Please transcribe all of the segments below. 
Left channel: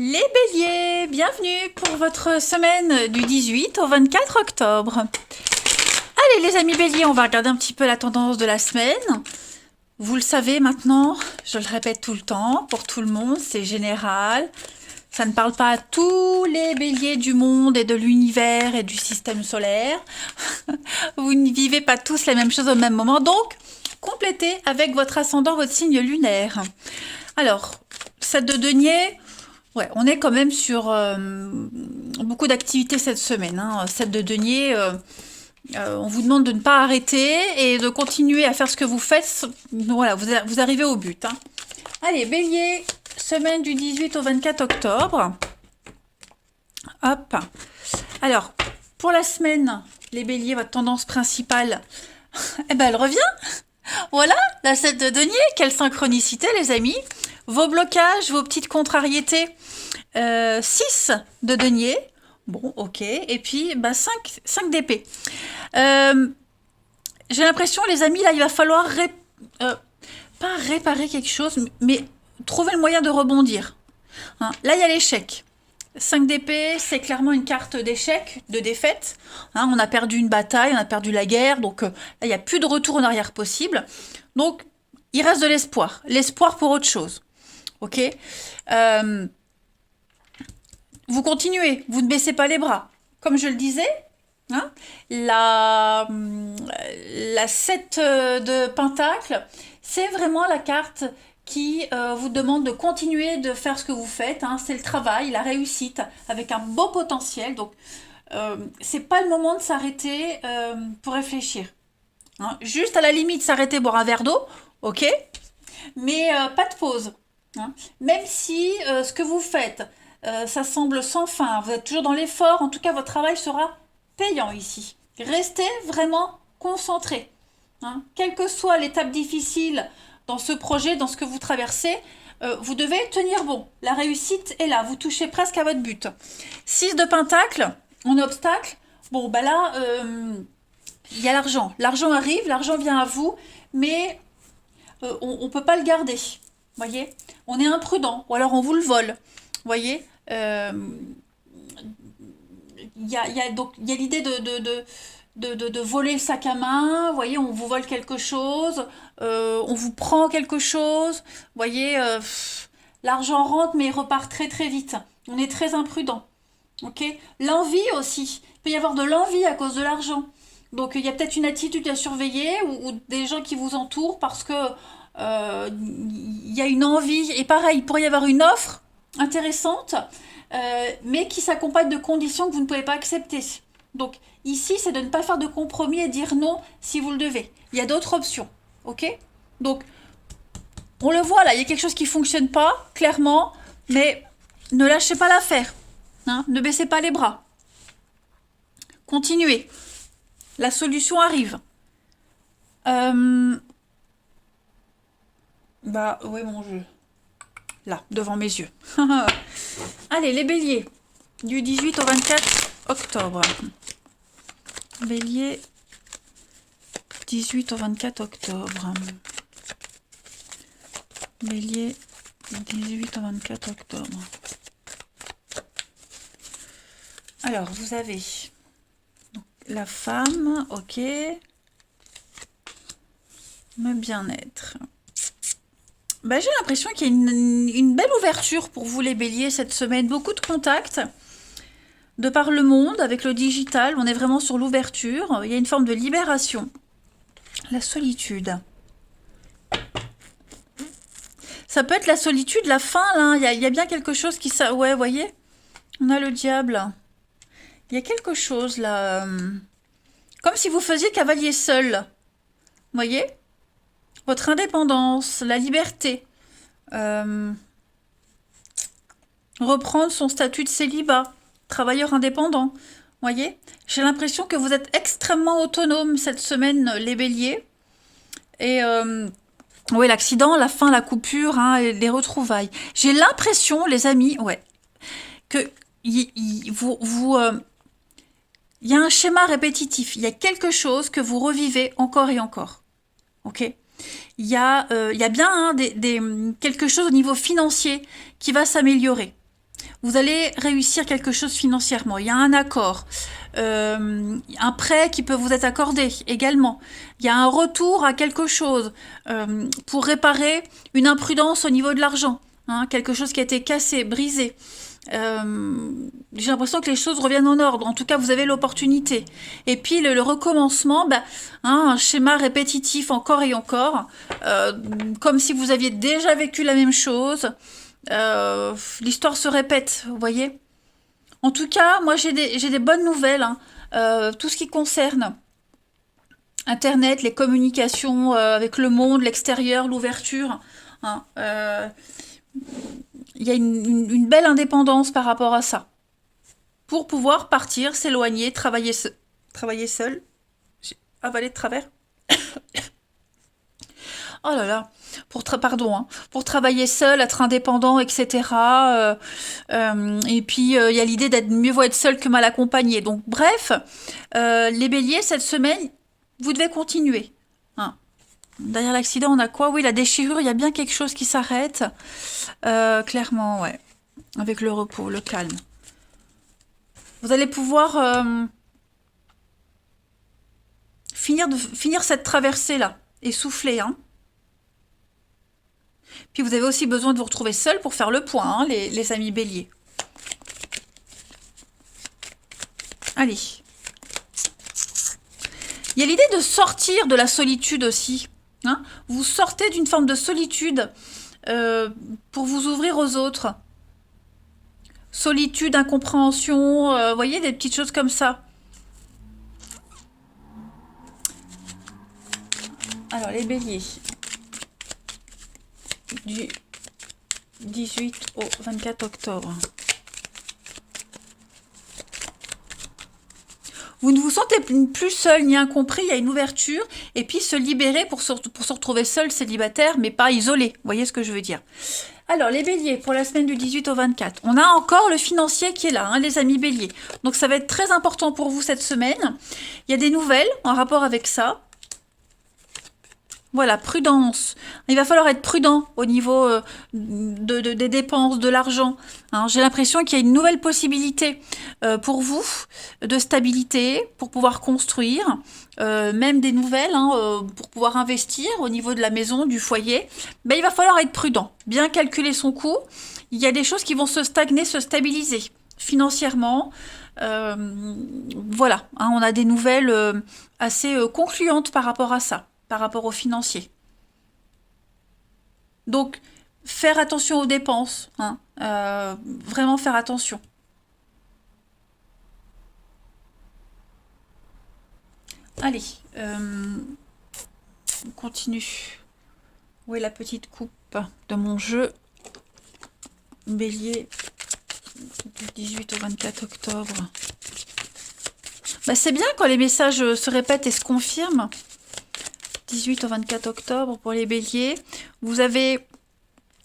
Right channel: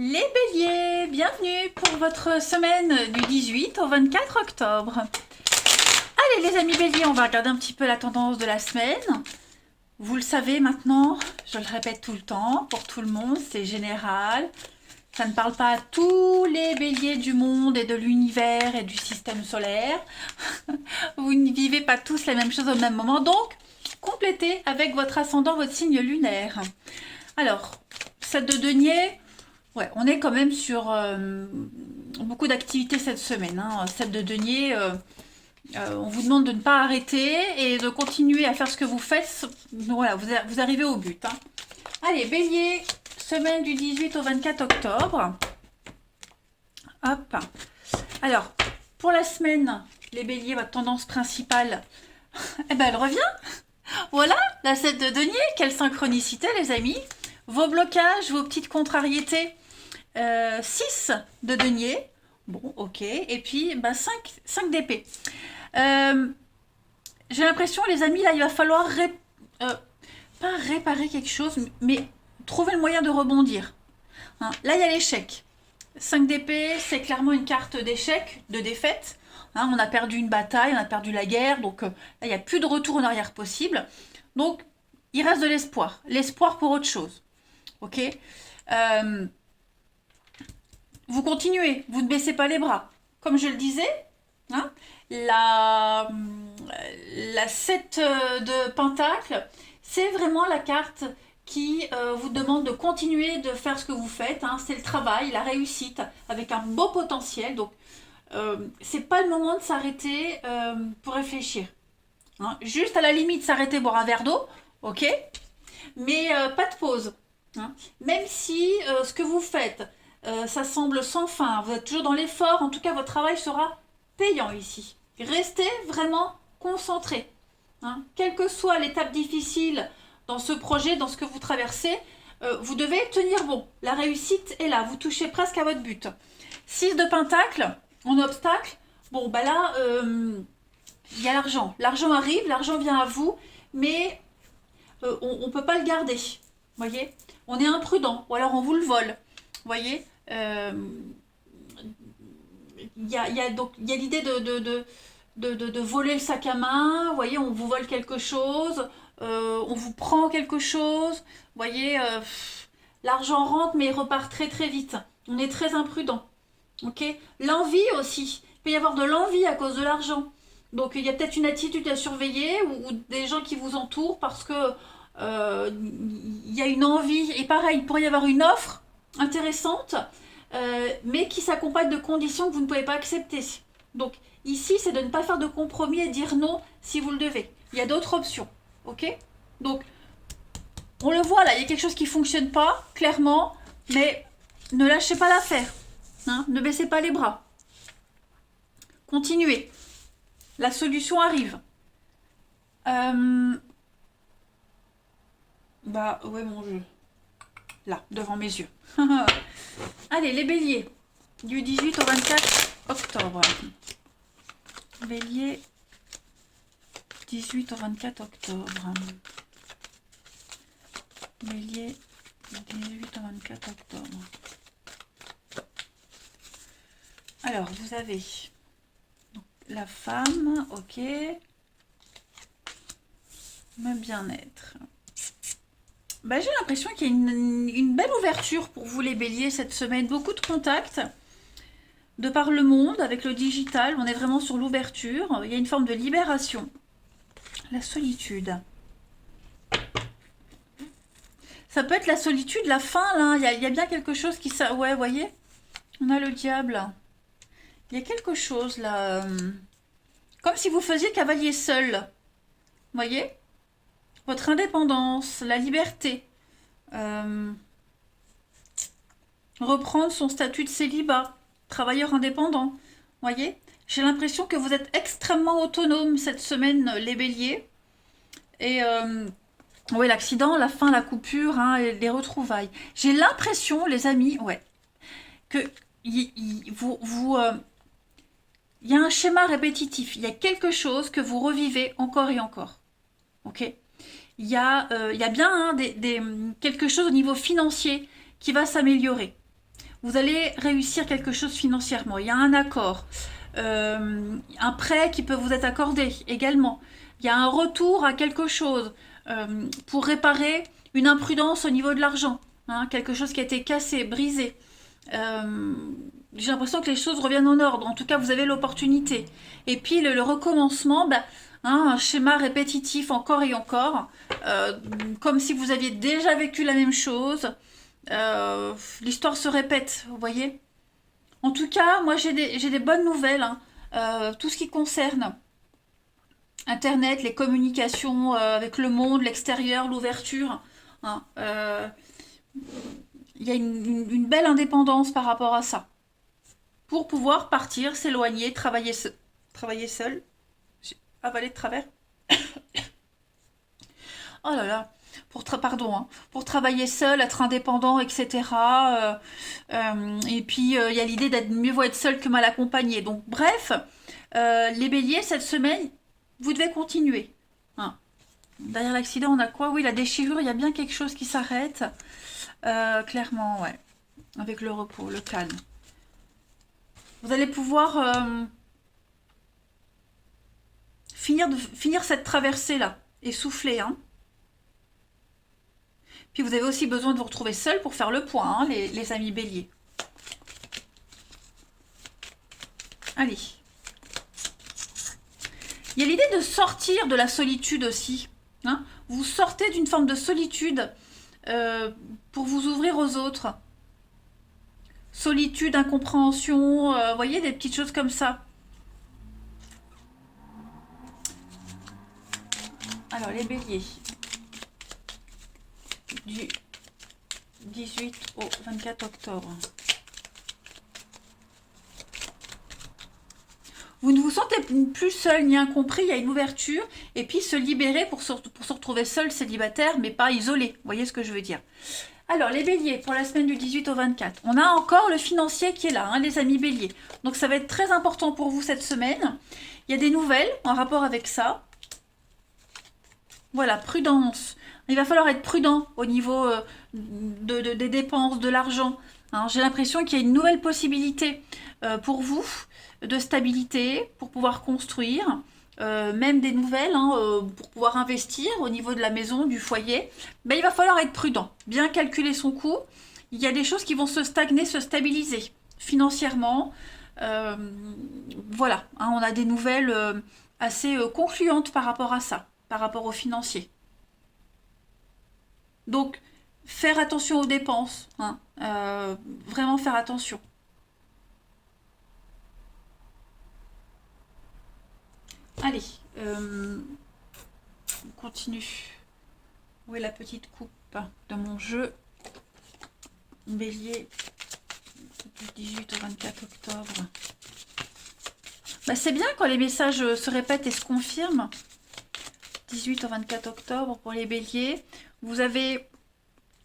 Les béliers, bienvenue pour votre semaine du 18 au 24 octobre. Allez les amis béliers, on va regarder un petit peu la tendance de la semaine. Vous le savez maintenant, je le répète tout le temps, pour tout le monde, c'est général. Ça ne parle pas à tous les béliers du monde et de l'univers et du système solaire. Vous ne vivez pas tous les mêmes choses au même moment, donc complétez avec votre ascendant, votre signe lunaire. Alors, 7 de denier, ouais, on est quand même sur beaucoup d'activités cette semaine. 7 de denier, on vous demande de ne pas arrêter et de continuer à faire ce que vous faites. Voilà, vous arrivez au but. Allez, bélier, semaine du 18 au 24 octobre. Hop. Alors, pour la semaine, les béliers, votre tendance principale, eh ben, elle revient. Voilà, la 7 de denier, quelle synchronicité les amis. Vos blocages, vos petites contrariétés, 6 de denier, bon ok, et puis 5 d'épée. J'ai l'impression les amis, là il va falloir pas réparer quelque chose, mais trouver le moyen de rebondir. Là il y a l'échec. 5 d'épée, c'est clairement une carte d'échec, de défaite. On a perdu une bataille, on a perdu la guerre, donc là, il n'y a plus de retour en arrière possible. Donc, il reste de l'espoir. L'espoir pour autre chose. Ok. Vous continuez, vous ne baissez pas les bras. Comme je le disais, la 7 de Pentacle, c'est vraiment la carte qui vous demande de continuer de faire ce que vous faites. C'est le travail, la réussite, avec un beau potentiel. Donc, c'est pas le moment de s'arrêter pour réfléchir. Juste à la limite, s'arrêter, boire un verre d'eau, ok, mais pas de pause. Même si ce que vous faites, ça semble sans fin, vous êtes toujours dans l'effort, en tout cas, votre travail sera payant ici. Restez vraiment concentré. Quelle que soit l'étape difficile dans ce projet, dans ce que vous traversez, vous devez tenir bon. La réussite est là, vous touchez presque à votre but. 6 de Pentacle, en obstacle, bon, bah là, il y a l'argent. L'argent arrive, l'argent vient à vous, mais on ne peut pas le garder. Voyez, on est imprudent, ou alors on vous le vole. Voyez, il y a l'idée de voler le sac à main. Voyez, on vous vole quelque chose, on vous prend quelque chose. Voyez, l'argent rentre, mais il repart très très vite. On est très imprudent. Ok, l'envie aussi. Il peut y avoir de l'envie à cause de l'argent. Donc il y a peut-être une attitude à surveiller ou des gens qui vous entourent parce que il y a une envie. Et pareil, il pourrait y avoir une offre intéressante, mais qui s'accompagne de conditions que vous ne pouvez pas accepter. Donc ici, c'est de ne pas faire de compromis et dire non si vous le devez. Il y a d'autres options. Ok. Donc on le voit là, il y a quelque chose qui ne fonctionne pas, clairement, mais ne lâchez pas l'affaire. Ne baissez pas les bras. Continuez. La solution arrive. Bah ouais mon jeu. Là, devant mes yeux. Allez, les béliers. Du 18 au 24 octobre. Bélier. 18 au 24 octobre. Bélier. 18 au 24 octobre. Alors, vous avez la femme, ok. Le bien-être. J'ai l'impression qu'il y a une belle ouverture pour vous les béliers cette semaine. Beaucoup de contacts de par le monde avec le digital. On est vraiment sur l'ouverture. Il y a une forme de libération. La solitude. Ça peut être la solitude, la faim, là. Il y a bien quelque chose qui... Ouais, vous voyez. On a le diable. Il y a quelque chose, là. Comme si vous faisiez cavalier seul. Vous voyez ? Votre indépendance, la liberté. Reprendre son statut de célibat. Travailleur indépendant. Voyez ? J'ai l'impression que vous êtes extrêmement autonome cette semaine, les béliers. Et... oui, l'accident, la fin, la coupure, les retrouvailles. J'ai l'impression, les amis, ouais, que il y a un schéma répétitif. Il y a quelque chose que vous revivez encore et encore. Ok ? Il y a bien quelque chose au niveau financier qui va s'améliorer. Vous allez réussir quelque chose financièrement. Il y a un accord. Un prêt qui peut vous être accordé également. Il y a un retour à quelque chose pour réparer une imprudence au niveau de l'argent. Hein, quelque chose qui a été cassé, brisé. J'ai l'impression que les choses reviennent en ordre. En tout cas, vous avez l'opportunité. Et puis le recommencement, bah, hein, un schéma répétitif encore et encore, comme si vous aviez déjà vécu la même chose. L'histoire se répète, vous voyez. En tout cas, moi j'ai des bonnes nouvelles. Hein. Tout ce qui concerne Internet, les communications avec le monde, l'extérieur, l'ouverture. Hein, il y a une belle indépendance par rapport à ça. Pour pouvoir partir, s'éloigner, travailler seul. J'ai avalé de travers. Oh là là, pardon, hein, pour travailler seul, être indépendant, etc. Et puis, il y a l'idée d'être mieux vaut être seul que mal accompagné. Donc, bref, les béliers, cette semaine, vous devez continuer. Hein. Derrière l'accident, on a quoi? Oui, la déchirure, il y a bien quelque chose qui s'arrête. Clairement, ouais. Avec le repos, le calme. Vous allez pouvoir finir cette traversée-là et souffler, hein. Puis vous avez aussi besoin de vous retrouver seul pour faire le point, hein, les amis béliers. Allez. Il y a l'idée de sortir de la solitude aussi. Hein. Vous sortez d'une forme de solitude pour vous ouvrir aux autres. Solitude, incompréhension, vous voyez, des petites choses comme ça. Alors, les béliers. Du 18 au 24 octobre. Vous ne vous sentez plus seul ni incompris, il y a une ouverture, et puis se libérer pour se retrouver seul, célibataire, mais pas isolé. Vous voyez ce que je veux dire? Alors, les béliers, pour la semaine du 18 au 24, on a encore le financier qui est là, hein, les amis béliers. Donc, ça va être très important pour vous cette semaine. Il y a des nouvelles en rapport avec ça. Voilà, prudence. Il va falloir être prudent au niveau des dépenses, de l'argent. Hein. J'ai l'impression qu'il y a une nouvelle possibilité pour vous de stabilité, pour pouvoir construire, même des nouvelles, hein, pour pouvoir investir au niveau de la maison, du foyer. Mais il va falloir être prudent, bien calculer son coût. Il y a des choses qui vont se stagner, se stabiliser financièrement. Voilà, hein, on a des nouvelles assez concluantes par rapport à ça. Par rapport aux financiers. Donc, faire attention aux dépenses. Hein, vraiment faire attention. Allez, on continue. Où est la petite coupe de mon jeu? Bélier du 18 au 24 octobre. Bah, c'est bien quand les messages se répètent et se confirment. 18 au 24 octobre pour les béliers. Vous avez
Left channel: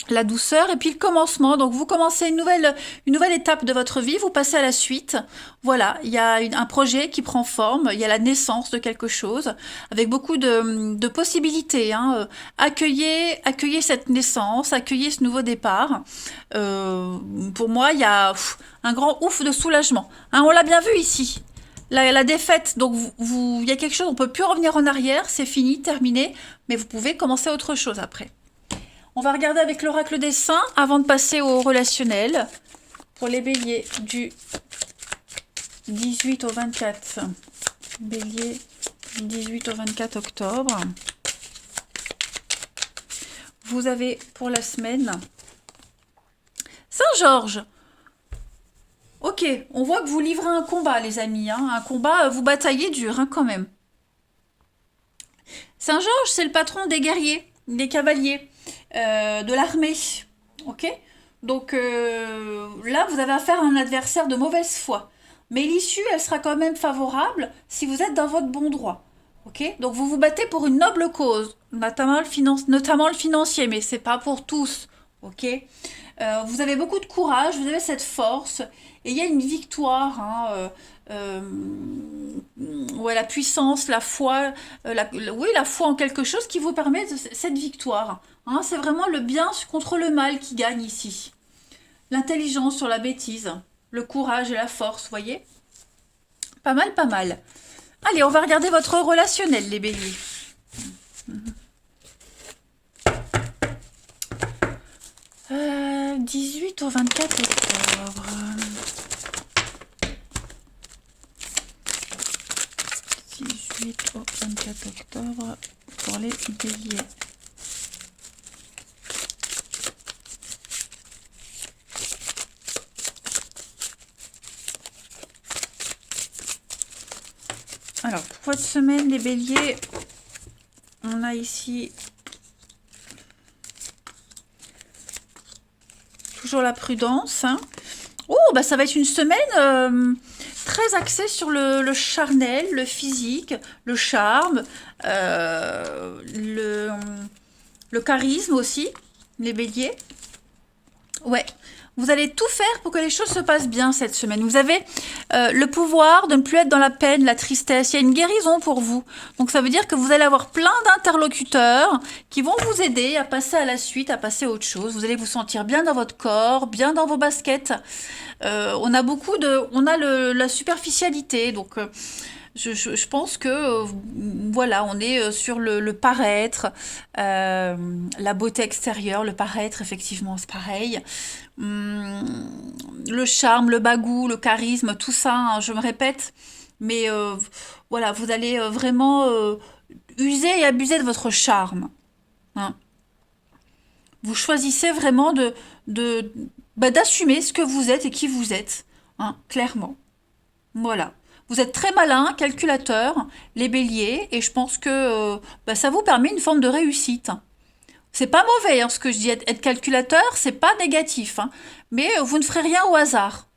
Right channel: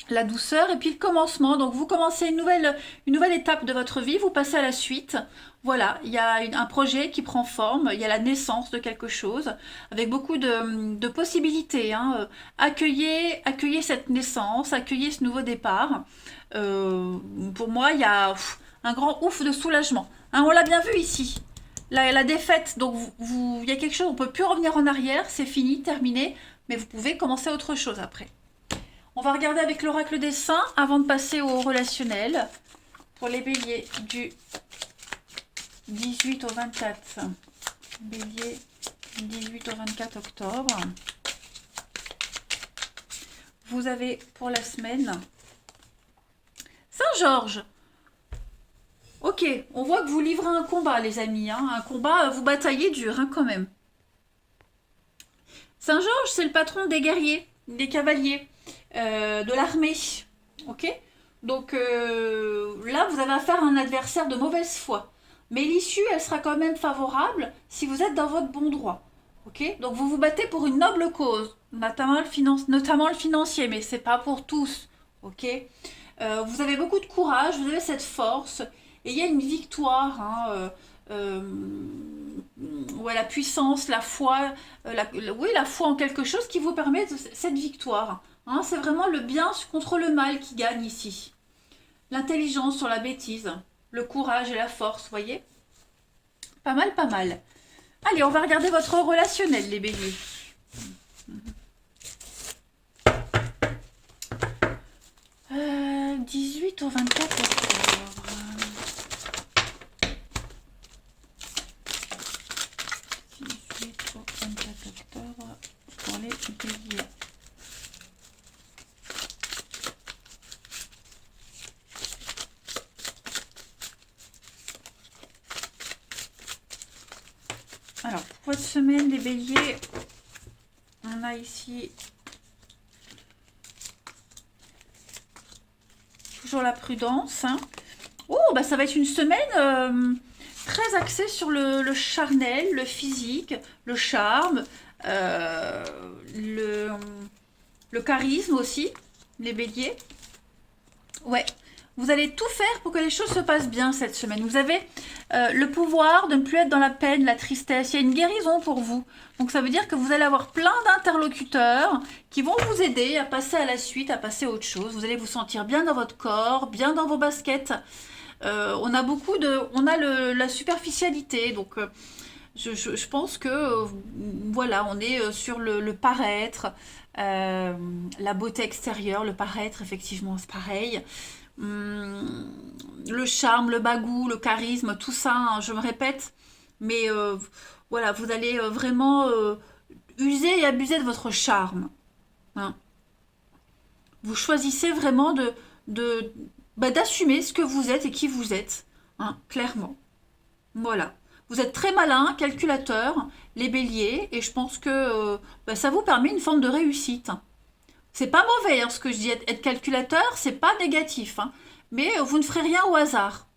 la douceur et puis le commencement. Donc vous commencez une nouvelle étape de votre vie, vous passez à la suite. Voilà, il y a un projet qui prend forme, il y a la naissance de quelque chose avec beaucoup de possibilités. Hein. Accueillez cette naissance, accueillez ce nouveau départ. Pour moi, il y a un grand ouf de soulagement. Hein, on l'a bien vu ici. La défaite, donc il y a quelque chose, on ne peut plus revenir en arrière, c'est fini, terminé, mais vous pouvez commencer autre chose après. On va regarder avec l'oracle des saints avant de passer au relationnel. Pour les béliers du 18 au 24. Bélier du 18 au 24 octobre. Vous avez pour la semaine Saint-Georges. Ok, on voit que vous livrez un combat, les amis. Hein. Un combat, vous bataillez dur, hein, quand même. Saint-Georges, c'est le patron des guerriers, des cavaliers, de l'armée. Ok. Donc là, vous avez affaire à un adversaire de mauvaise foi. Mais l'issue, elle sera quand même favorable si vous êtes dans votre bon droit. Ok. Donc vous vous battez pour une noble cause, notamment le financier, mais c'est pas pour tous. Ok. Vous avez beaucoup de courage, vous avez cette force. Et il y a une victoire, hein, ouais, la puissance, la foi, oui, la foi en quelque chose qui vous permet cette victoire. Hein, c'est vraiment le bien contre le mal qui gagne ici. l'intelligence sur la bêtise, le courage et la force, voyez? Pas mal, pas mal. Allez, on va regarder votre relationnel, les béliers. 18 au 24 octobre. 18 au 24 octobre pour les béliers. Alors, pour votre semaine, les béliers, on a ici toujours la prudence. Hein. Oh, bah ça va être une semaine très axée sur le charnel, le physique, le charme, le charisme aussi, les béliers. Ouais. Vous allez tout faire pour que les choses se passent bien cette semaine. Vous avez le pouvoir de ne plus être dans la peine, la tristesse. Il y a une guérison pour vous. Donc ça veut dire que vous allez avoir plein d'interlocuteurs qui vont vous aider à passer à la suite, à passer à autre chose. Vous allez vous sentir bien dans votre corps, bien dans vos baskets. On a la superficialité. Donc je pense que voilà, on est sur le paraître, la beauté extérieure, le paraître, effectivement, c'est pareil. Le charme, le bagou, le charisme, tout ça, hein, je me répète, mais voilà, vous allez vraiment user et abuser de votre charme. Hein. Vous choisissez vraiment d'assumer ce que vous êtes et qui vous êtes, hein, clairement. Voilà. Vous êtes très malin, calculateur, les béliers, et je pense que ça vous permet une forme de réussite. C'est pas mauvais, hein, ce que je dis. Être calculateur, c'est pas négatif, hein, mais vous ne ferez rien au hasard.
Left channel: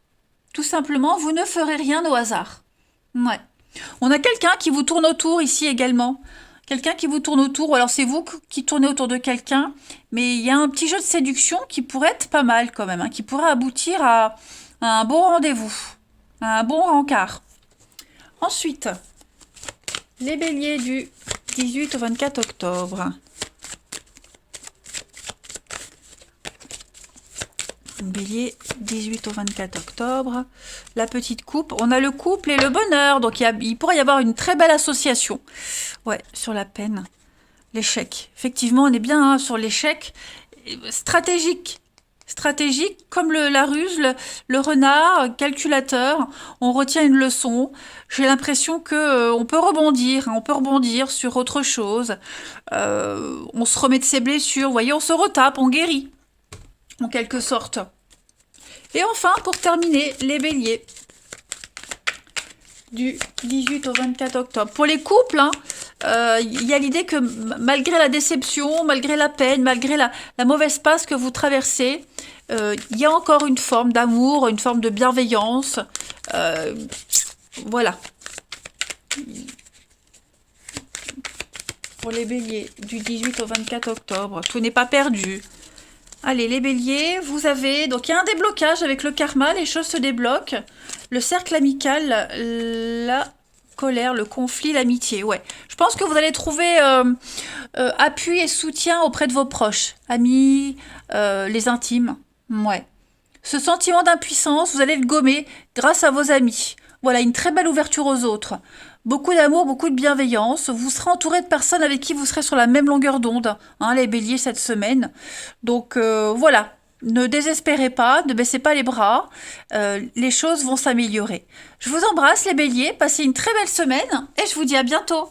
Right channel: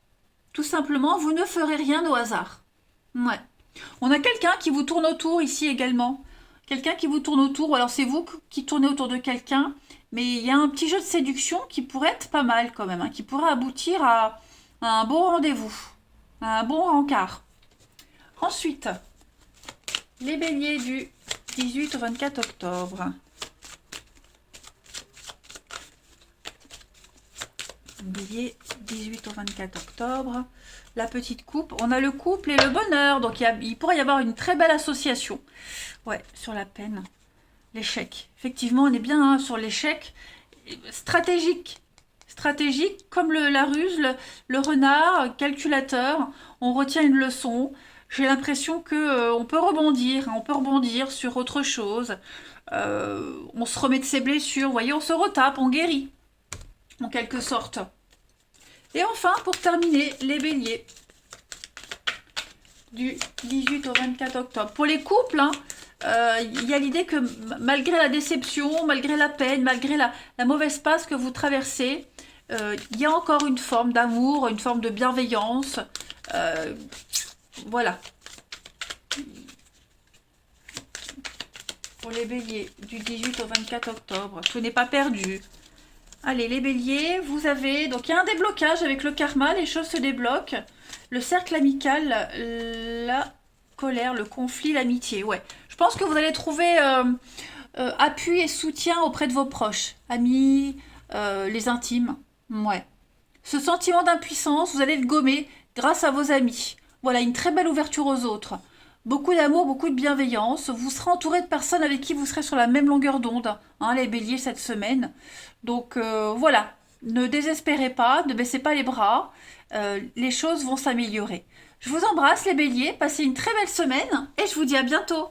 Tout simplement, vous ne ferez rien au hasard. Ouais. On a quelqu'un qui vous tourne autour ici également. Quelqu'un qui vous tourne autour, ou alors c'est vous qui tournez autour de quelqu'un, mais il y a un petit jeu de séduction qui pourrait être pas mal quand même, hein, qui pourrait aboutir à un bon rendez-vous, à un bon rencard. Ensuite, les béliers du 18 au 24 octobre. Bélier, 18 au 24 octobre. La petite coupe. On a le couple et le bonheur. Donc, il pourrait y avoir une très belle association. Ouais, sur la peine. L'échec. Effectivement, on est bien hein, sur l'échec. Stratégique. Stratégique, comme la ruse, le renard, calculateur. On retient une leçon. J'ai l'impression que on peut rebondir. Hein, on peut rebondir sur autre chose. On se remet de ses blessures. Vous voyez, on se retape, on guérit. En quelque sorte. Et enfin, pour terminer, les béliers du 18 au 24 octobre. Pour les couples, hein, y a l'idée que malgré la déception, malgré la peine, malgré la mauvaise passe que vous traversez, il y a encore une forme d'amour, une forme de bienveillance. Voilà. Pour les béliers du 18 au 24 octobre, tout n'est pas perdu. Allez, les béliers, vous avez... Donc, il y a un déblocage avec le karma, les choses se débloquent. Le cercle amical, la colère, le conflit, l'amitié, ouais. Je pense que vous allez trouver appui et soutien auprès de vos proches, amis, les intimes, ouais. Ce sentiment d'impuissance, vous allez le gommer grâce à vos amis. Voilà, une très belle ouverture aux autres. Beaucoup d'amour, beaucoup de bienveillance. Vous serez entouré de personnes avec qui vous serez sur la même longueur d'onde, hein, les béliers, cette semaine. Donc, voilà. Ne désespérez pas, ne baissez pas les bras. Les choses vont s'améliorer. Je vous embrasse, les béliers. Passez une très belle semaine et je vous dis à bientôt.